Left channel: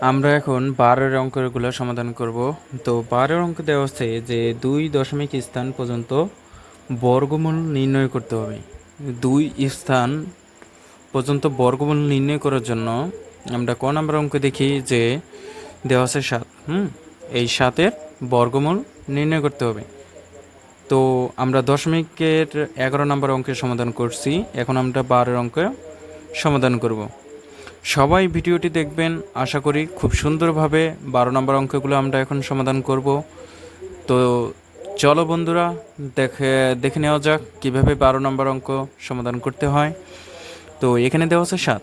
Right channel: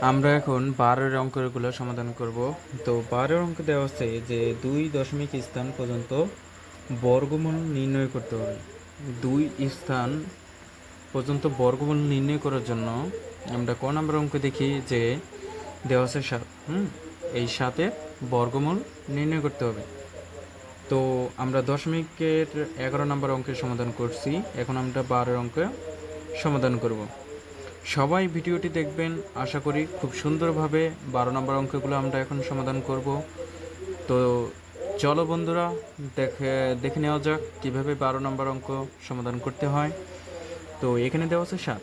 আমরা এখন 12-এর অঙ্কগুলো সমাধান করব। তো 12-এর অঙ্ক দেওয়া আছে যে 2 দশমিক স্থান পর্যন্ত বর্গমূল নির্ণয় করতে হবে। 2 স্থান পর্যন্ত বর্গমূল নির্ণয় করার জন্য আমরা ক নাম্বার অঙ্ক দেখি যে দেওয়া আছে 7। এই 7-এর বর্গমূল নির্ণয় করতে হবে। তো আমরা দশমিকের 11 নম্বর অঙ্কের সমাধান করছি, এখন আমরা 12-এর অঙ্কের সমাধান করব। সবাই ভিডিওটি দেখবেন, আশা করি খুব সুন্দরভাবে 12 নম্বর অঙ্কগুলো আমরা এখন সমাধান করব। তো চলো বন্ধুরা, দেখে নেওয়া যাক কীভাবে 12 নম্বর অঙ্ক সমাধান করতে হয়। তো এখানে দেওয়া আছে 7।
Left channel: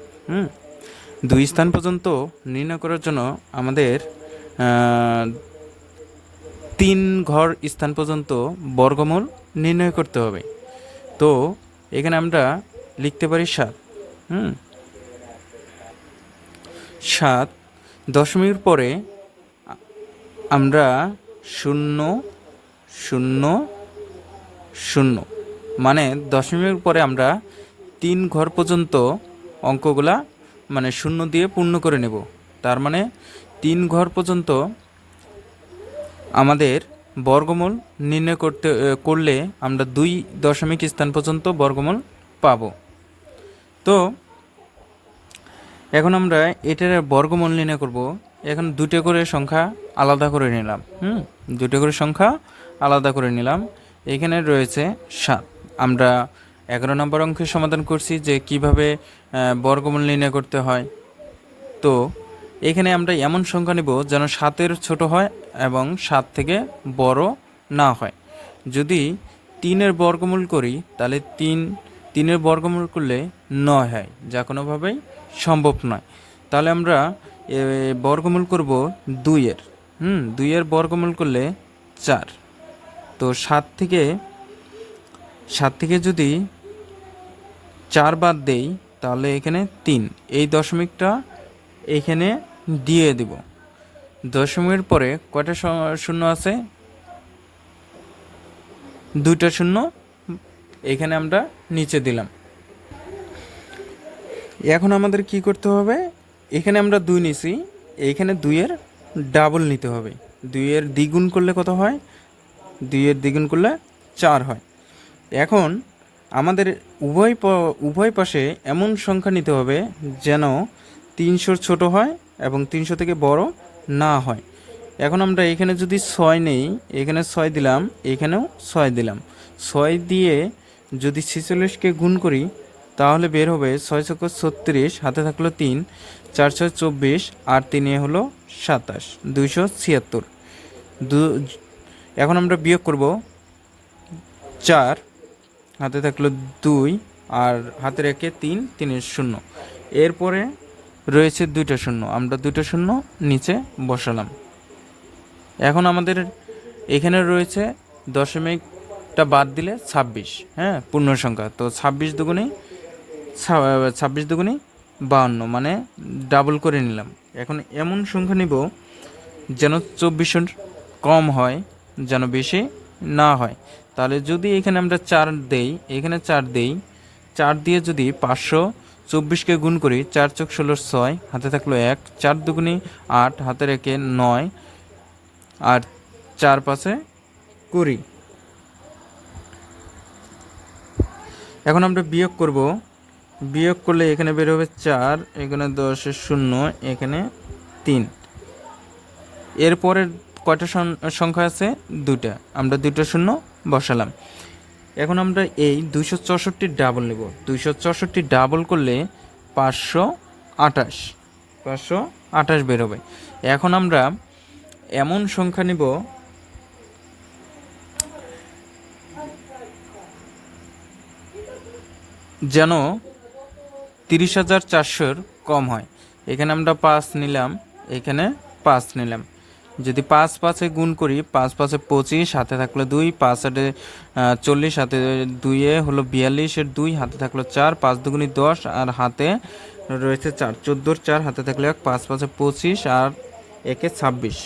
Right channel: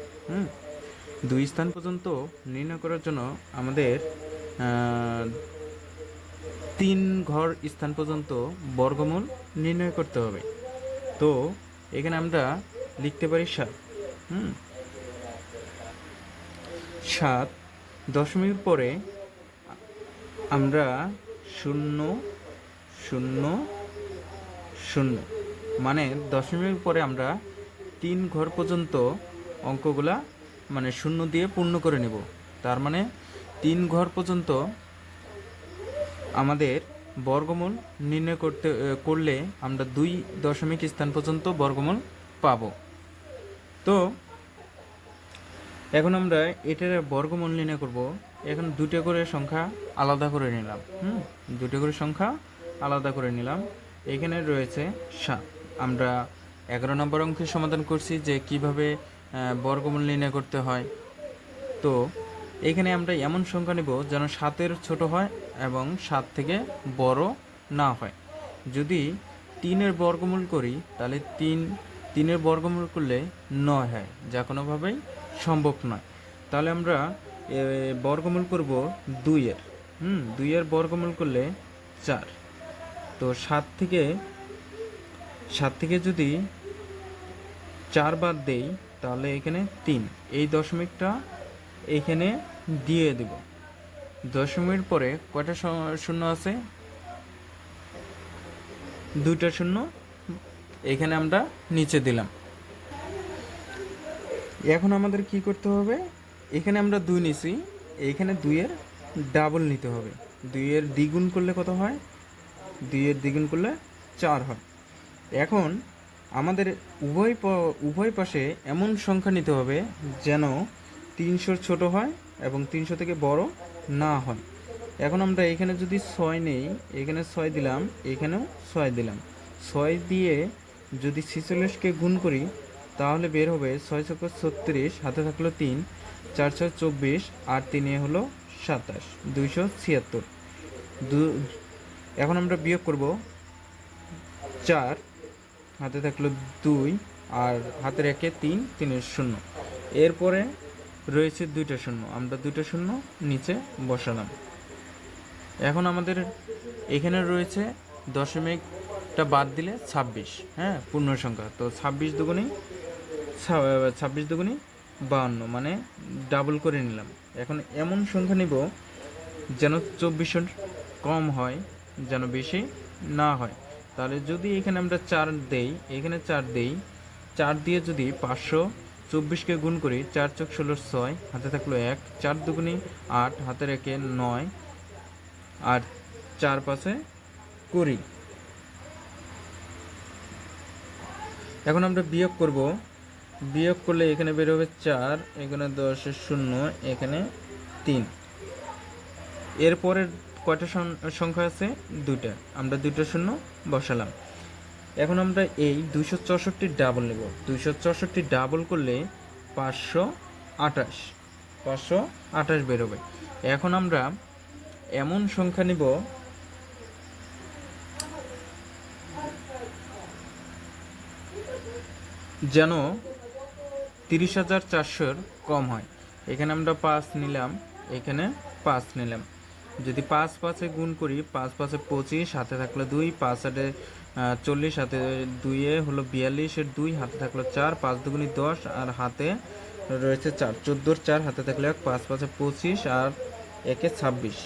2 স্থান পর্যন্ত নির্ণয় করার জন্য আমাদের 3 ঘর স্থান পর্যন্ত বর্গমূল নির্ণয় করতে হবে। তো এখানে আমরা লিখতে পারি 7। 7 দশমিকের পরে আমরা 0 0 0 মানে দশমিকের পরে আমরা 3 ঘর পর্যন্ত অঙ্কগুলা মানে 0 দিয়ে পূর্ণ করে নেব। তার মানে 3 ঘর পর্যন্ত আমাদের বর্গমূল নির্ণয় করলে আমরা 2 দশমিক স্থান পর্যন্ত বর্গমূল পাব। তো এখন আমরা এটার বর্গমূল নির্ণয় করব। এখন দুটো করে সংখ্যা আলাদা করে নিলাম। দুটো করে সংখ্যা আলাদা করে নিলাম। এখানে রয়েছে 7। আমরা 11 নম্বর অঙ্কের সমাধান করছি যে কিভাবে বর্গমূল নির্ণয় করতে হয়। তো এখানে আমরা এমন সংখ্যা নেব যেন 7-এর ছোট হয় এবং 7 থেকে বড় না হয়। যদি 3-এর বর্গমূল করি তাহলে 3-এর বর্গমূল করলে 9 হয়, যা কোনোভাবেই সম্ভব নয়। তাহলে আমরা বর্গমূল করব 2-এর। 2-এর বর্গমূল করলে 4। তো 7 থেকে যদি 4 বাদ দেই তাহলে এখানে 3। এই দশমিকটা এখানে দিয়ে দেব। দশমিকের পরে কয়টা শূন্য আছে? 2টা শূন্য এখানে আমরা নিচে দিলাম। এখন আমাদের কি করতে হবে? এখানে আমরা 2 নিছি, এইখানে 2-এর ডাবল নিতে হবে। 2-এর দ্বিগুণ করলে কত হয়? 2-এর দ্বিগুণ করলে 4 হয়। এখন আমাদের উভয় পাশে এমন সংখ্যা নিতে হবে যেন 300-র ছোট হয় এবং 300 থেকে বড় না হয়। এখন আমরা এখানে যদি 6 নেই, এখানে 6 দিলাম, এখানেও 6 দিলাম। 6 দিয়ে যদি 46কে গুণ করি তাহলে বের হবে 6 × 36, হাতে থাকলো 3, 4 × 24, আর 3 হলো 27, 276। এখন আমরা বিয়োগ করব। 4 হাতে থাকলো 2 আর হাতে রেখে 3, 3-এর 0। এরপরে রয়েছে 2টা শূন্য, আমরা 2টা শূন্য নিচে বসালাম। এখন আমাদের এখানে রয়েছে দশমিকটা বাদ দিলে 26, পূর্ণ সংখ্যা। তো 26 দুগুণে 52, মানে ডাবল করে নিলাম। এখন এমন সংখ্যা নিব যেন 24-এর কম হয়, যেন বেশি না হয়। তাহলে যদি এখানে আমরা 4 দেই, এখানে 4 দেই, 4 দিয়ে যদি 524কে গুণ করি, 4 × 16, 6, হাতে থাকলো 1, 4 দুগুণে 8, হাতে রেখে 9, আর 4 5-এ 20। এখন আমরা বিয়োগ করব। বিয়োগ করলে এখানে বের হবে 4, এখানে 10-এর 0, এখানে 3। এরপরের কয়টা সংখ্যা আছে? 2টা, আমরা 2টা শূন্য বসালাম। এখন আমরা এই 264 ডাবল নেব। 264 ডাবল করলে 528 বেরোবে। এখন আমরা এমন সংখ্যা নিব যেন 30,400-র কম হয়। এখানে আমরা 5 নিলাম, এখানে 5 নিলাম। যদি 5 5-এ গুণ করি, 5 5-এ 25, হাতে থাকলো 2, 5 8-এ 40, হাতে 2-এ হলো 42-এর 2, হাতে থাকলো 4, 5 দুগুণে 10, আর হাতে রয়েছে 4, 14-র 4, হাতে থাকলো 1, 5 5-এ 25, আর 1-এ 26।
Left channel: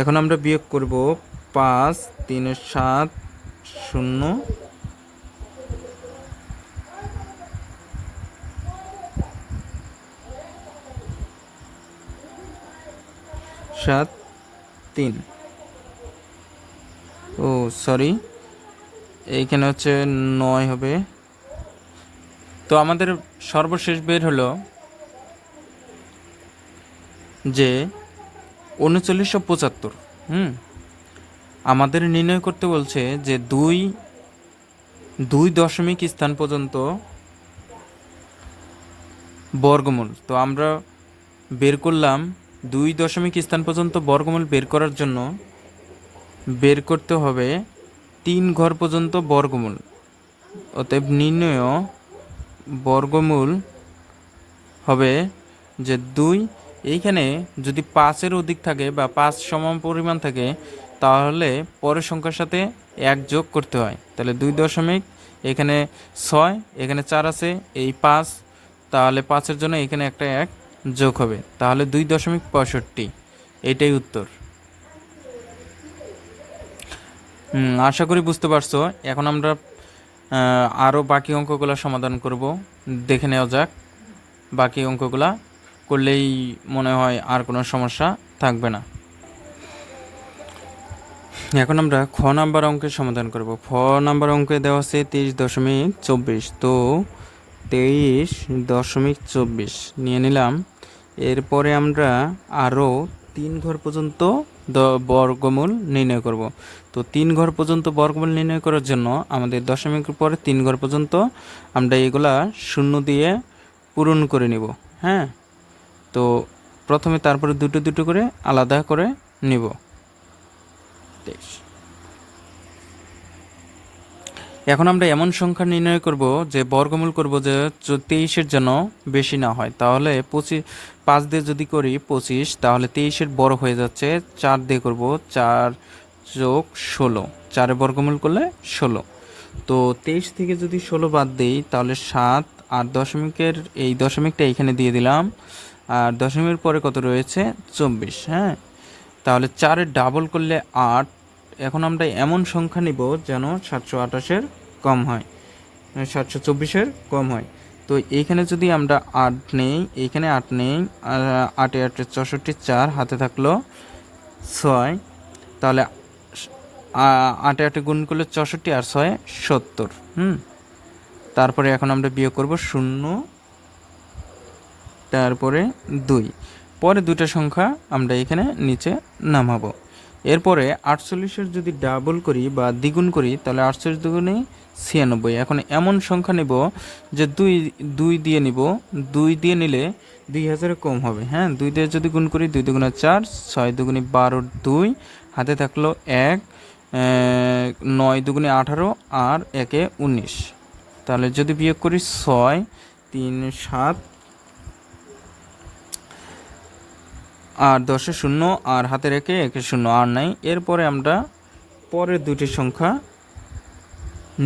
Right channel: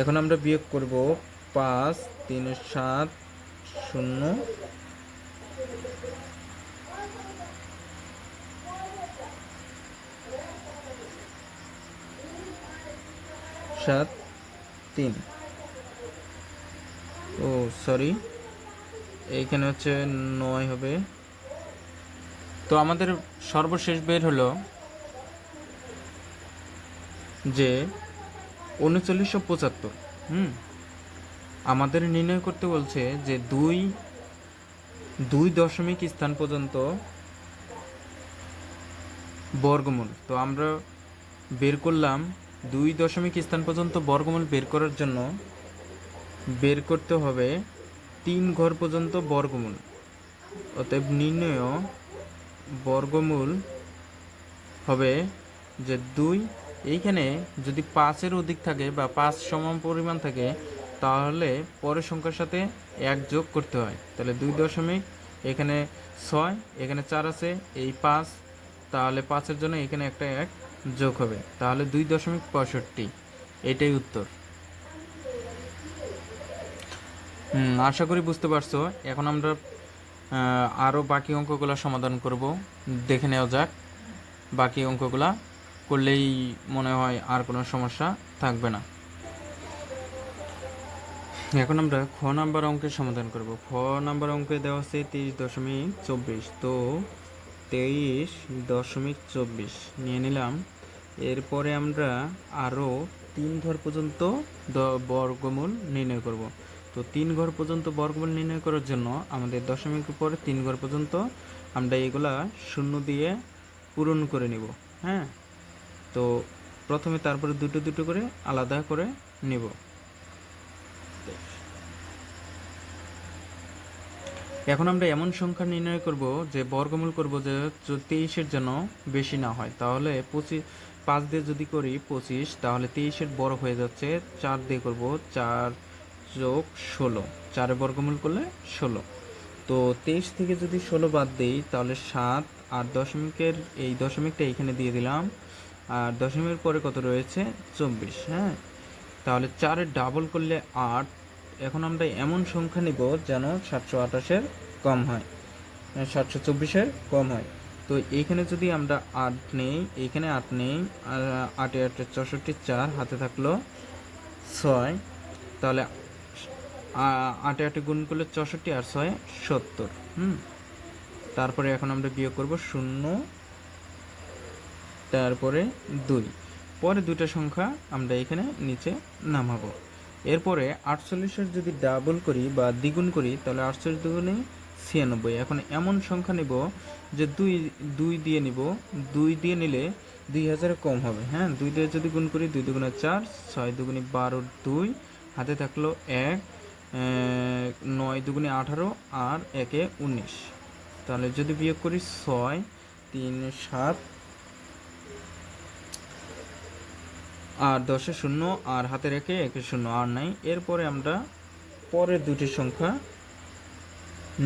এখন আমরা বিয়োগ করব। 5 3-এর 7, 0, 3, ও সরি, এইখানে হচ্ছে 9 হবে। তো আমাদের সর্বশেষ বের হলো যে 3975। আমাদের নির্ণয় করতে বলছে যে দুই দশমিক স্থান পর্যন্ত বর্গমূল। তো আমরা বের করলাম 2 দশমিক স্থান পর্যন্ত বর্গমূল বের করার জন্য বের করতে হবে 3 ঘর পর্যন্ত বর্গমূল। অতএব নির্ণয় বর্গমূল হবে যে 2। এইখানে যদি 5-এর অধিক থাকে বা 5 সমান পরিমাণ থাকে তাহলে পরের সংখ্যার সাথে 1 যোগ করতে হয়। তাহলে 2 দশমিক, এখানে 6, এখানে 4 আছে, এই 5, তাহলে 5-এর জন্য এখানে একটা 1 যোগ হবে, তাহলে 2.65। এটাই উত্তর। আশা করি বুঝতে পারছো। এখন আমরা আরও বাকি অঙ্কগুলো সমাধান করব, দেখে নেওয়া যাক। বাকি অঙ্কগুলা করলেই মনে হয় আর কোনো সমস্যা থাকবে না। এখন আমরা খ নাম্বার অঙ্কের সমাধান করব। খ নাম্বার অঙ্কে দেওয়া আছে 23.24। তো 23.24 নিয়ে নিলাম। এরপরে আমরা আরও 3 ঘর পর্যন্ত বর্গমূল নির্ণয় করব। তো 3 ঘর পর্যন্ত বর্গমূল নির্ণয় করার জন্য আমাদের দশমিকের পরে 3 ঘর পর্যন্ত আমরা এগুলা শূন্য দিয়ে পূরণ করে নিব। হ্যাঁ, তো প্রথমে তারপরে দুটো দুটো করে আলাদা করে নিব। এখন আমরা এমন সংখ্যা নির্ণয় করব যে বর্গমূল করব যে 23-এর জন্য বেশি না হয়। তাহলে 5 দিয়ে যদি করি 25, তাহলে 23-এর বড় হয়ে যাচ্ছে। 4 দিয়ে করব, 4 যোগ 16, 4-এর বর্গমূল করলে 16। তো 23 থেকে যদি 16 বাদ দিই তাহলে 7, আর দশমিকের এই দশমিকটা এখানে দিয়ে দিলাম, আর দশমিকের পরে কত রয়েছে 24। হ্যাঁ, তাহলে 4-এর ডাবল করলে 8। এখন আমরা এমন সংখ্যা নিব যেন 728-এর কম হয়, 724-এর কম হয়। তো এইখানে যদি আমরা 8 নেই, এইখানে 8 নেই, আর 8 8 64, 4 হাতে থাকলো 6, তাহলে 8 8 গুণ করলে 64 আর 6 70। তারপরে এখন আমরা বিয়োগ করব 0, তারপরে 2, পরে দুটো সংখ্যা আমরা এখানে নিচে নামাবো। এরপরে 48-এর যদি ডাবল করি বা দ্বিগুণ করি তাহলে 48 দুগুণে 96। এখন এমন সংখ্যা নেব যে 2 দিয়ে নিব, 2 দিয়ে নিলে 2000 কম হবে। হ্যাঁ, 2 দিয়ে যদি গুণ করি 2 দুগুণে 4, 6 দুগুণে 12, 2 হাতে থাকলো 1, 9 দুগুণে 18, আর 1-এ 19। তাহলে যদি বিয়োগ করি 6, 3 7, আর 10-এ 0, আর হাতে রেখে 1-এ 0, আর নাই। এরপরে আমরা পরের দুটি সংখ্যা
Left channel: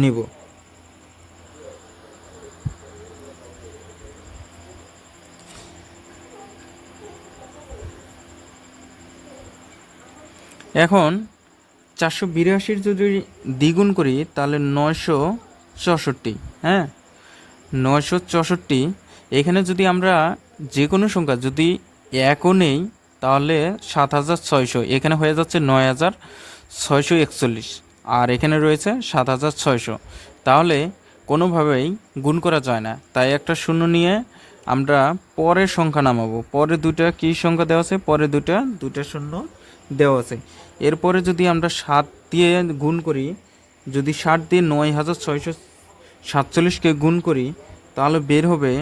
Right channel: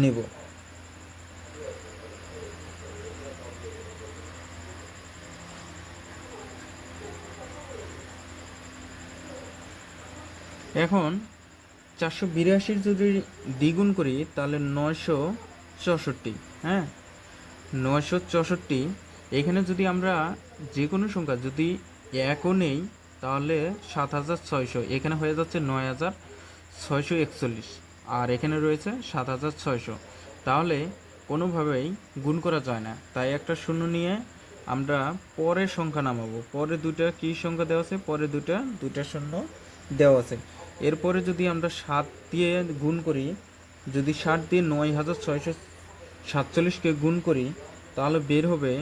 নিব। এখন 482-র যদি দ্বিগুণ করি তাহলে 964। হ্যাঁ, 964। এখানে যদি আমরা যে কোনো সংখ্যা যদি 1ও নেই তাহলে 7600, এখানে হয়ে যাচ্ছে 9641, আর এখানে রয়েছে 7600। তাহলে কোনোভাবেই গুণ করা যায় না, তাই একটা শূন্য নিয়ে আমরা পরের সংখ্যা নামাবো। পরে দুটা কী সংখ্যা দেওয়া আছে, পরে দুটা শূন্য দেওয়া আছে। এরপরে যদি আমরা 7 দিয়ে গুণ করি, যদি 7 দিয়ে 9647-কে গুণ করি তাহলে বের হবে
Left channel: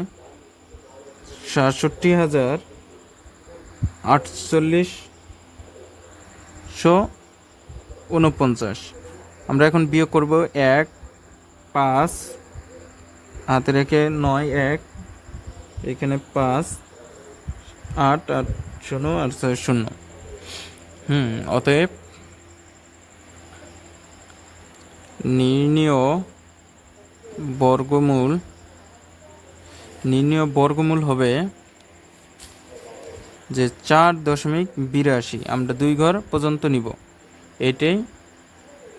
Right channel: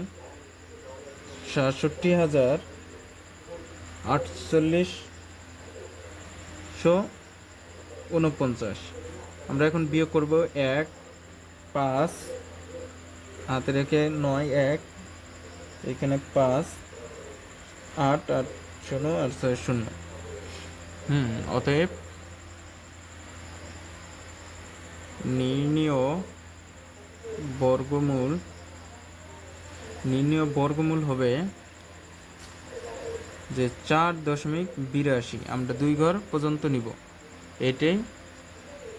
67,4849। আমরা এখন বিয়োগ করব 1, 5 হাতে রেখে 9, 1, এখানে 5, 8 8 0 আর 6 0। অতএব নির্ণীয় বর্গমূল হবে যে 4.82। আমরা 2 ঘর পর্যন্ত নিব, এটাই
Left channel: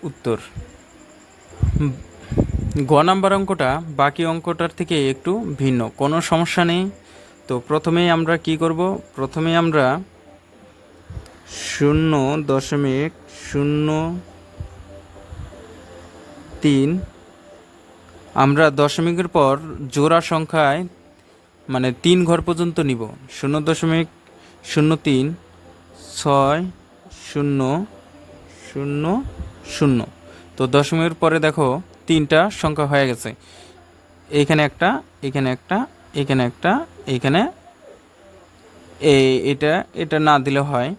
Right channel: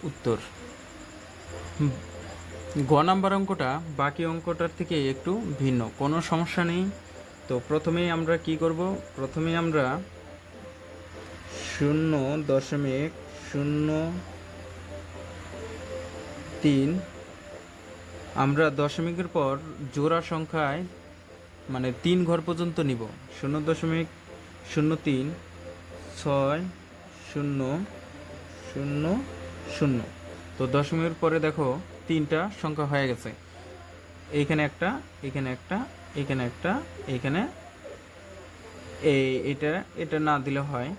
উত্তর। গ নাম্বার অঙ্কটা বাকি অঙ্কটার থেকে একটু ভিন্ন, কোনো সমস্যা নেই। তো প্রথমেই আমরা কি করব, প্রথমে আমরা 0.03। আমরা দশমিকের পর জোড়া সংখ্যায় মানে 3 ঘর পর্যন্ত নিব। 0.03 6 0 0 0। তো দশমিকের পরে দেখো 3টা সংখ্যা হয়ে গেছে, এইখানে একটা, এখানে একটা, এখানে একটা, এখানে এটা এটা না দিলে হয়।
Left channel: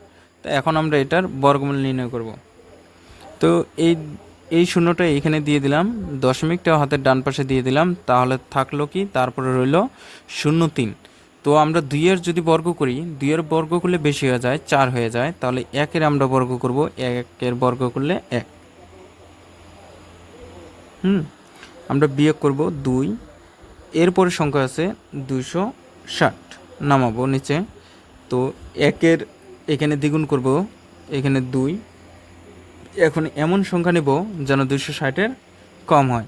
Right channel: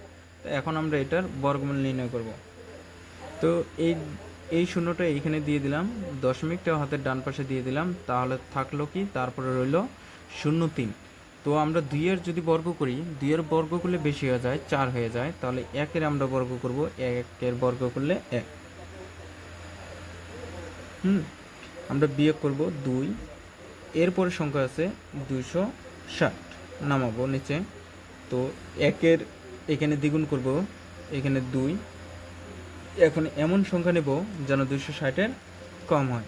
তো এখন আমরা এটার বর্গমূল নির্ণয় করব। তো এই শূন্যটা এখানে দিয়ে দিলাম, দশমিকটা হাতের ডান পাশে দিয়ে দিলাম, তাহলে থাকলো কি, তারপরে রইল 0.3। তো আমরা 2-এর যদি বর্গ করি, 2-এর বর্গ করলে বেশি হয়ে যায়, 4 হয়ে যায়, তাহলে 1-এর আমরা বর্গ করব, 1-এর বর্গ করলে 1। আমরা বিয়োগ করব 2, এরপরে সংখ্যা আছে 260, নামাবো নিচে। তো 1-এর এখানে দ্বিগুণ করব, এখানে 2। এখন এমন সংখ্যা নেব যেন 260-এর কম হয়।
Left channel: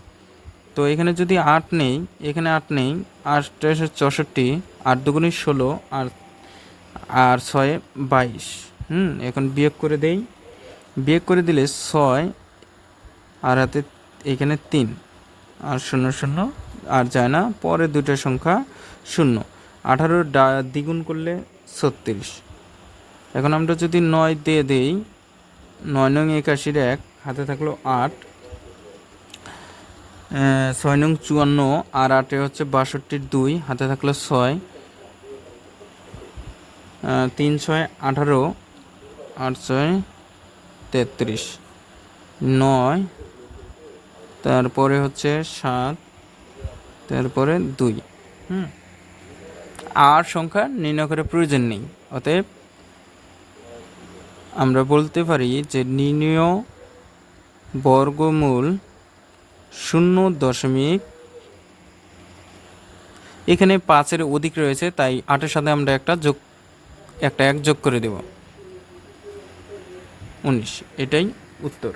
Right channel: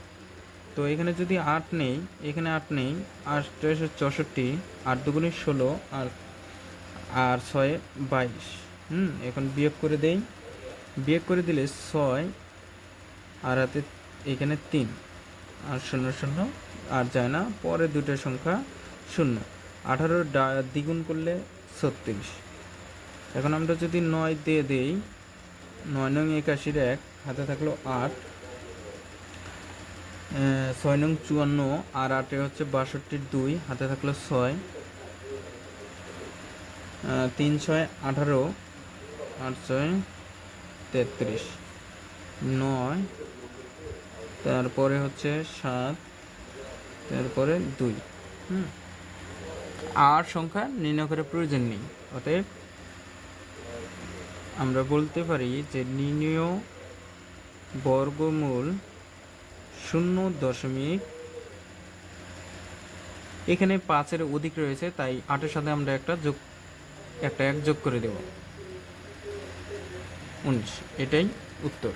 তো এখানে যদি 8 নেই, এখানে 8 নেই, 8 64, 8 দুগুণে 16, আর 6 22। এখন বিয়োগ করে দেই, বিয়োগ করে দিলে 6 আর হাতে এখানে 3 আর 0 0 আর যায় না, পরে দুটো সংখ্যা 0। 18 দ্বিগুণ করলে 36। এখন আমরা যদি 9 দিয়ে দেই, 9 নং 81-এর 1, হাতে থাকলো 8, 6 নং 54 আর 8-এ হচ্ছে 62-র 2, হাতে থাকলো 6, 3 6 18, 8 6 33, 9, তারপরে হচ্ছে 7, তারপরে 2। আর সংখ্যা নির্ণয় করার প্রয়োজন নেই। অতএব আমরা বলতে পারি যে নির্ণয় বর্গমূল 0. এখানে 5-এর অধিক রয়েছে, তাই 8-এর সাথে আমরা একটা 1 যোগ করে দেব, 19। এটাই উত্তর।